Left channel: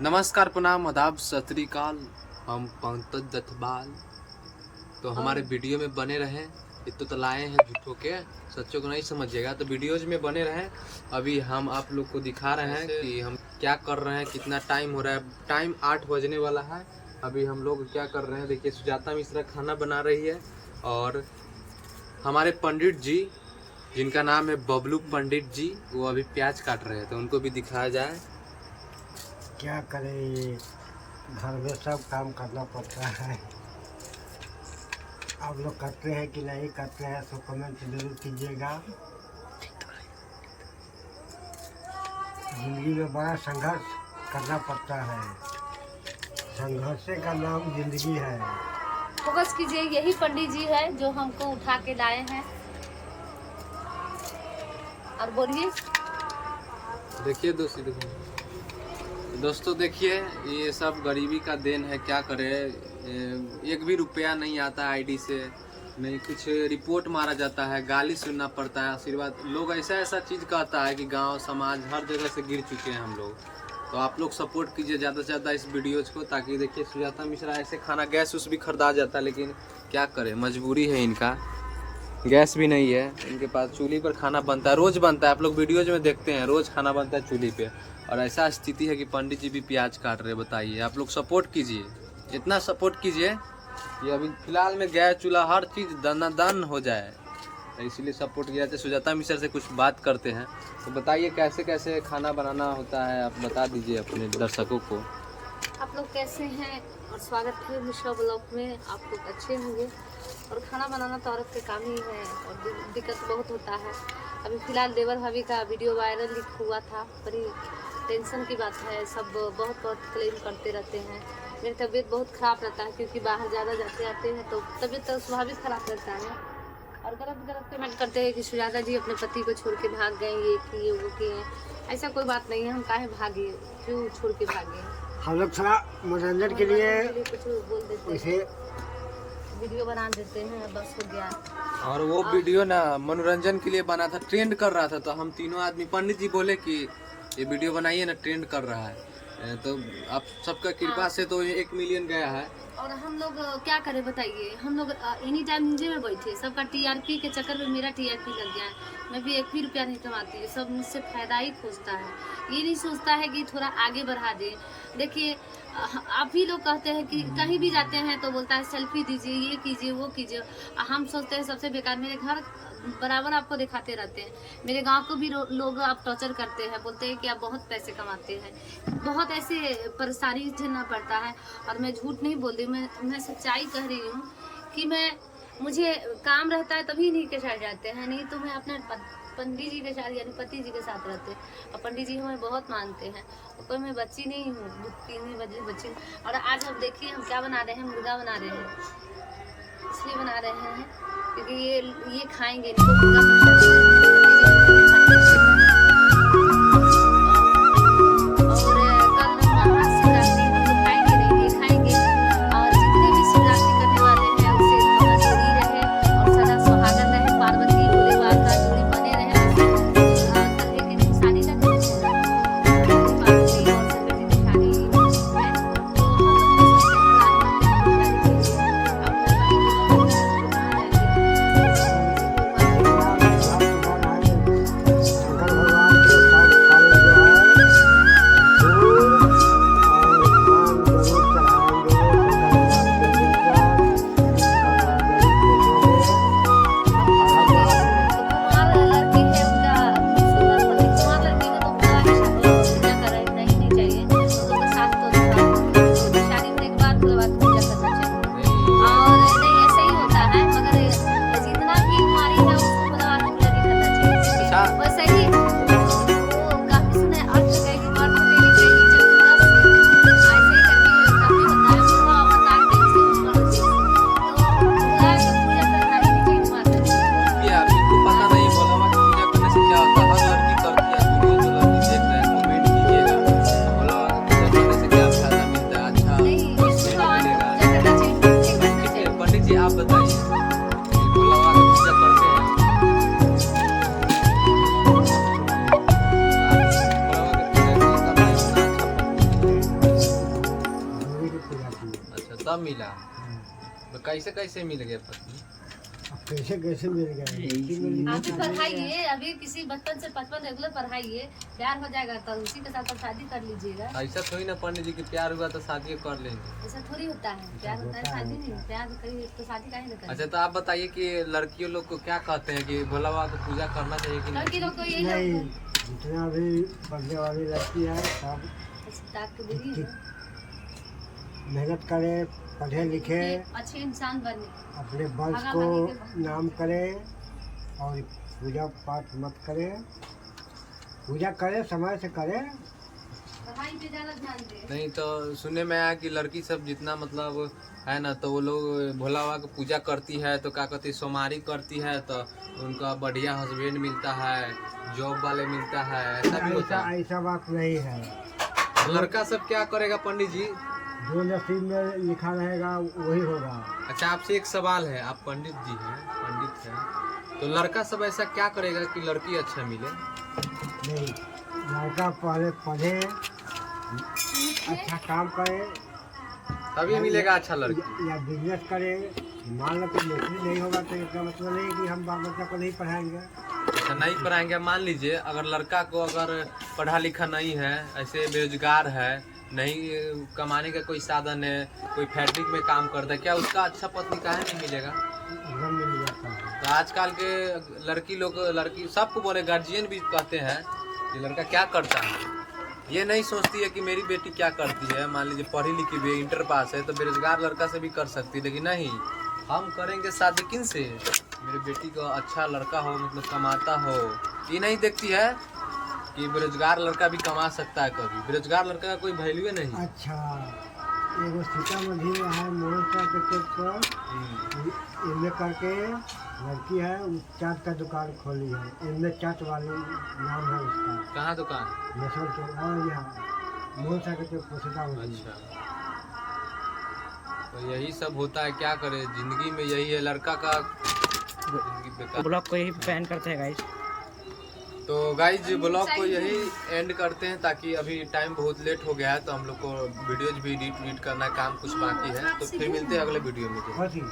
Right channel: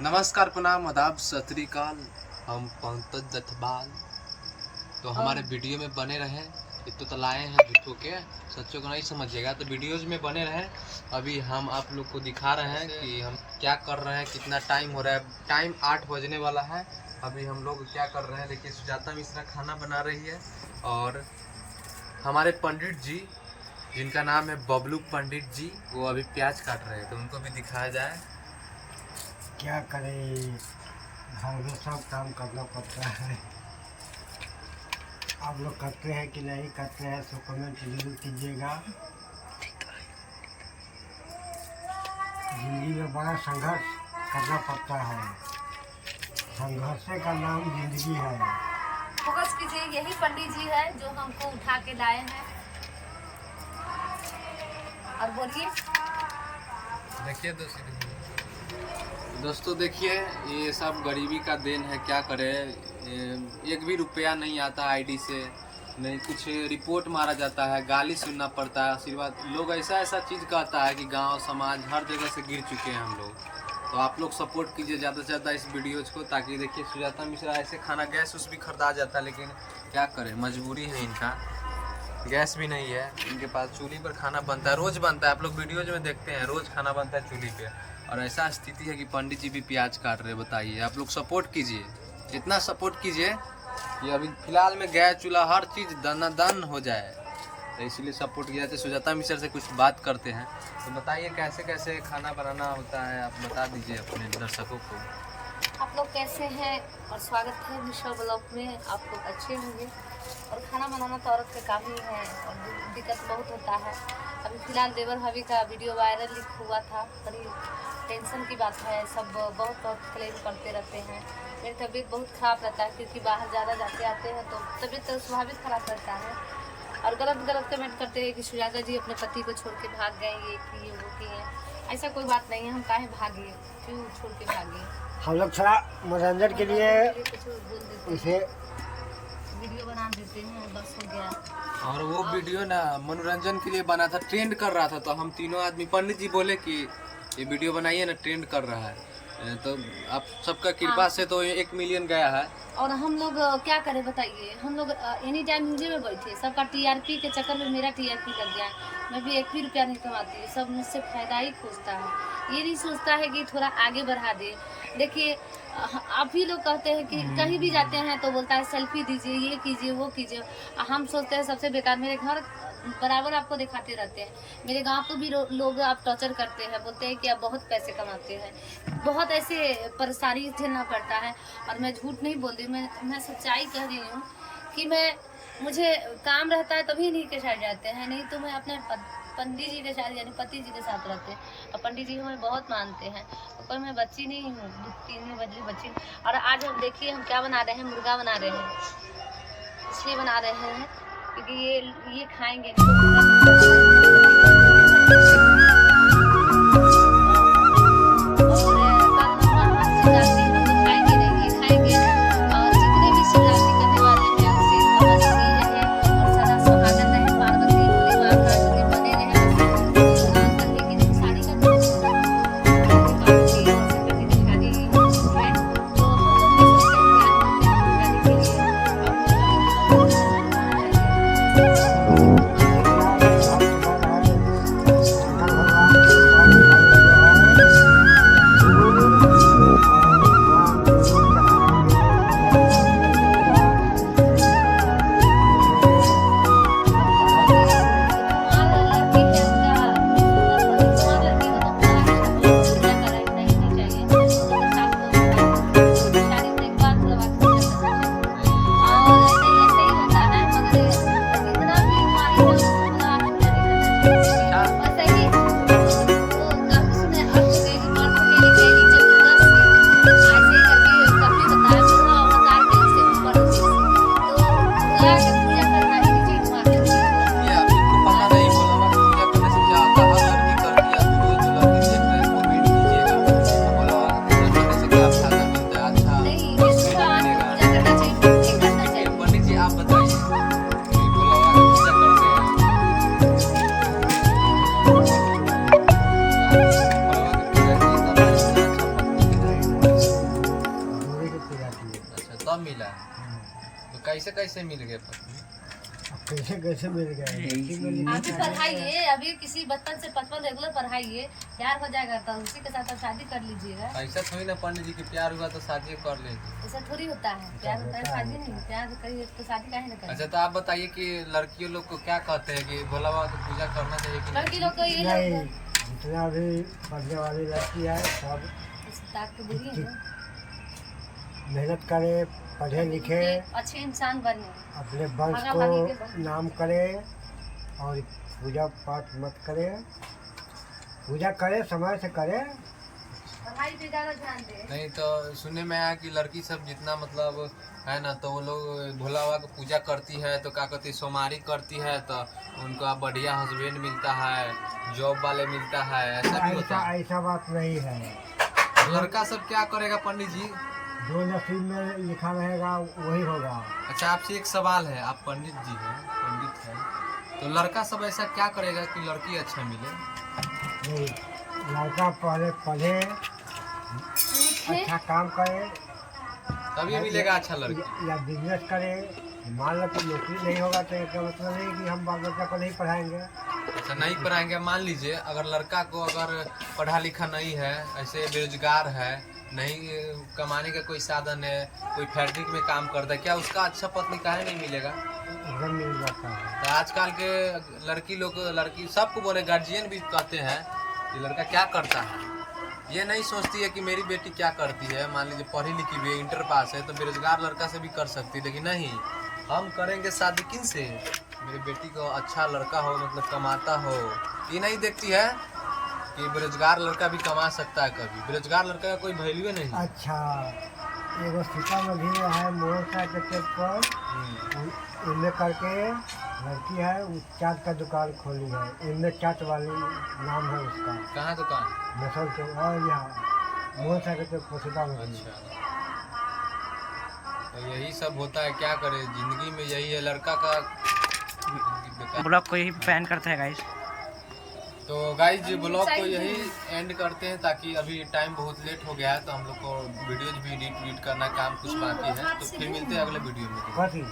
नमस्कार, प्रणाम, आदाब, सत श्री अकाल। हम पंकज जथबाल। तो हमारे वीडियो में बने रहें। इतो तो लाए हैं झूठों के, सच्चों को नहीं समझिएगा, तो वीडियोज में बने रहें। अभी हम आप लोग को दिखा रहे हैं कि हम क्या कर रहे हैं, कितना टाइम हो रहा है। टाइम 8 बजने वाला है। अभी हम लोग क्या कर रहे हैं, देखिए सुजाता मिश्रा खाना बना रही है और हमारे पंडित जी, जिनका नाम है बबलू पंडित जी, वो अभी प्याज काट रहे थे। उनको भी दिखाया जाए। क्या करें, घर में सब काम करना पड़ता है। आप लोग करते हैं कि नहीं करते हैं, तो कमेंट जरूर कीजिएगा। जिंदगी में बड़ा संघर्ष करना पड़ता है। संघर्ष का नाम जिंदगी है। फोकस कीजिए, यही पंडित जी है जो हमको उठा के लाए हैं। और बोलिए। देखिए दोस्तों देखिए, ये सब गरीबी का देन है। क्या करे, एक भी रुपया नहीं आता आईडी से, नहीं कुछ रिपोर्ट मारा जाता है, गाली सुनना पड़ता है। आशीर्वाद लोग ऐसा चीज़ कहता है कि गांव समाज हर जगह से गिर चुके हैं हम लोग। तो आप लोग सपोर्ट कीजिए ज़्यादा से ज़्यादा इस वीडियोज़ को, ताकि देखिए सुजाता मिश्रा ऐसे खाना, गैस उस भी खरीदा जाता है, लेकिन क्या करें, मजबूरी है इनका। गैस भी नहीं है इनके पास, चूल्ही पर खाना बनता है, रोज़ बनता है। आप लोग वीडियोज में देखते हैं, रोज़ खाना बनता है चूल्ही पे। और ऐसा स्थिति है कि पंडित जी भी प्याज काट रहे हैं। बताइए, आप लोग सपोर्ट कीजिए, इतना सपोर्ट कीजिए कि अभी फिलहाल में गैस चूल्हा हर चीज़ दन हो जाए। तो इसलिए सपोर्ट किया जाए। सुजाता मिश्रा से कुछ बात करते हैं। तो बताइए कैसे कैसे खाना बनाना होता है, आप बता दीजिए अपने दर्शकों को। आप लोग कैसे हैं और स्वागत है मिश्रा ब्लॉग में। आप लोग अच्छे होंगे। और खाना बनाना तो औरत के काम ही है और दिक्कत बहुत होता है। अभी फिलहाल देवर भाभी का वीडियो वायरल हुआ था। बड़ी टेंशन की बात है। सब बहुत क्लेम करते रहते हैं। मेरी तबीयत बहुत ख़राब रहता है, क्योंकि बाहर ज़्यादा जाते आते हैं तो तबीयत तो स्वाभाविक ख़राब रहता है। और गलत कमेंट करते हैं कि सुजाता जी अपने पति को छोड़ के भाग गए, ये किए वो किए। ऐसा कोई बात नहीं है। हम काहे भागे, क्यों छोड़ के भागे। हम लोग थोड़ा मनोरंजन के लिए कुछ बोल देते उसे हैं, वीडियो बना देते हैं, बस हो गया। और वो वीडियो ना मनोरंजन के लिए बना था, ट्रेंड कर रहा था। तो हम तीनों आदमी, पंडित जी बोले कि ये वीडियो बनाइए ना, ट्रेंड कर रहा है। तो आप सबका कृपा से तो 1 मिलियन गया है। और हम लोग क्या करें बताइए। हम लोग एनी टाइम न्यूज़ में बैठे, सबका टीआरपी के चक्कर में मेरा टीआरपी लग गया है। मैं भी 1 भी रुपया नहीं कमाती। सब मुझसे फायदा ही खोजता है, ये नहीं सोचता है कि थोड़ा आगे बढ़ा दे। देखिए, आप ही लोग कहते हैं कि कहीं भी जाते हैं तो बोलता है सेल्फी दीजिए, ये कीजिए वो कीजिए। हम सोचते हैं सबसे बेकार, मेरे घर बराबर आपको दिखाते रहते हैं। मेरे गांव को भी लोग आप टॉर्चर करते हैं, बोलते हैं कि आप बहुत पैसे कमाते हैं। बहुत ऐसे परेशानी झेलना पड़ता है। और मैं झूठ नहीं बोल रही, मैं सच्चाई कह रही हूँ कि मुझे काम रहता है तभी नहीं के साथ जाते हैं, नहीं तो मैं अपने पंडित जी के साथ यानी पति जी के साथ रहते हैं। और पंडित जी हमें बहुत मानते हैं। तो कोई मैं बच्ची नहीं हूँ, 3 बदली बच्ची। और आज हम देखिए हम क्या बना रहे हैं, मुर्गा बना रहे हैं। इसलिए बना रहे हैं क्योंकि ये खाएंगे अब मिला। तो कैसे कैसे मिल गए पति? अब कैसे कैसे मिल गए? लड़की मिली आप भी नहीं। पढ़ाइए, अभी किसी बचपन से 55 रेगुलर पढ़ाइए, प्यार हो जाएगा तो उसी के साथ आप शादी कर लीजिएगा। ऐसा थोड़ी ना पंडित जी कि प्यार हुआ तो शादी कर लेंगे। ऐसा थोड़ी होता है, प्यार होता है शादी नहीं, प्यार करिए तो शादी काहे ना करें। अच्छा तो आप बताइए कि लड़कियों लोग को क्या कहते हैं कि भोला बाबा की पूजा करना चाहिए कि लड़की नहीं? लोग को ये नहीं, लोग जितना भी पढ़ने वाली लड़की है सब ताक के देखिए ना, मेहनत करे, पढ़े लिखे, अच्छे इंसान बने। अपने वंश को नाम करे और पूजा पाठ मत करे। पूजा करे, समय से करे। पढ़ाई पे ज्यादा ध्यान दे। नहीं तो सुनने में आया कि लड़की सब जितना मतलब है ना तो वो लोग भोला बाबा की पूजा करती है तो क्या कहती है सोमारी करती है तो उनका बढ़िया हस्बैंड मिलता है, जॉब वाले मिलता है, ऐसा भी होता है। ऐसा बात नहीं है। लड़का सब क्या करेगा पंडित जी? जो नसीब में लिखा रहेगा वही होगा। अच्छा आपसे एक सवाल है, आप पंडित जी हैं, पंडित हैं, तो लड़का सब ऐसा क्या करेगा कि लड़की अच्छा मिले? नहीं, लड़का पहले पढ़े, अच्छा काम करे, तभी मिलेगा अच्छा लड़की। या बिजनेस करे। मान लो कि नौकरी नहीं होगा तो इसका मतलब नहीं कि हम बाल बच्चा को नहीं पढ़ाएंगे। अच्छा नहीं पढ़ाएंगे। मान लीजिए अगर लड़का को अगर पढ़ा लिखा नहीं है, ऐसे बेरोजगार है, नहीं कमाने का कोई साधन है, कोई फैक्ट्री में काम करता है, क्या उसका अच्छा पत्नी काहे नहीं मिलेगा? एकदम मिल जाता है। तो आजकल के लड़की लोग, लड़की सबको बोले, गार्जियन भी कहते हैं कि लड़का क्या करता है, ये नहीं सोचती है कि मेरी बेटी क्या करती है। मान लीजिए पढ़ी लिखी भी इंटर पास है तो बेरोजगार लड़का से भी कर सकती है, लेकिन नहीं, हम करेंगे शादी किन से? मेरी बेटी को अच्छा लड़का हो, मतलब कमाता हो। ये नहीं देखती है कि बेरोजगार लड़का भी कमा सकता है कभी। बेरोजगार लड़का का कोई वैल्यू नहीं। अच्छा, एगो सीतामढ़ी में है मोहसा के पेट पर, इनमें करके लड़की है, उस चाट का दुकान खोली है। इनमें चाट वाली नाम है उसका। कहाँ दुकान? मसल चौक और यहाँ मोहसा के पेट पर सीतामढ़ी। अच्छा तो यही सब होता है, क्या करे, जिंदगी में यही है लड़का का। ब्लॉग को यही बैन करते हैं गाइस। तो गाइज ब्लॉग को यही एंड करते हैं ताकि अभी टाइम बहुत लेट हो गया है तो हम लोग को वीडियोज भी एडिट करना काम कुछ बाकी है। तो फिर मिलते हैं अगले वीडियो में। कथी?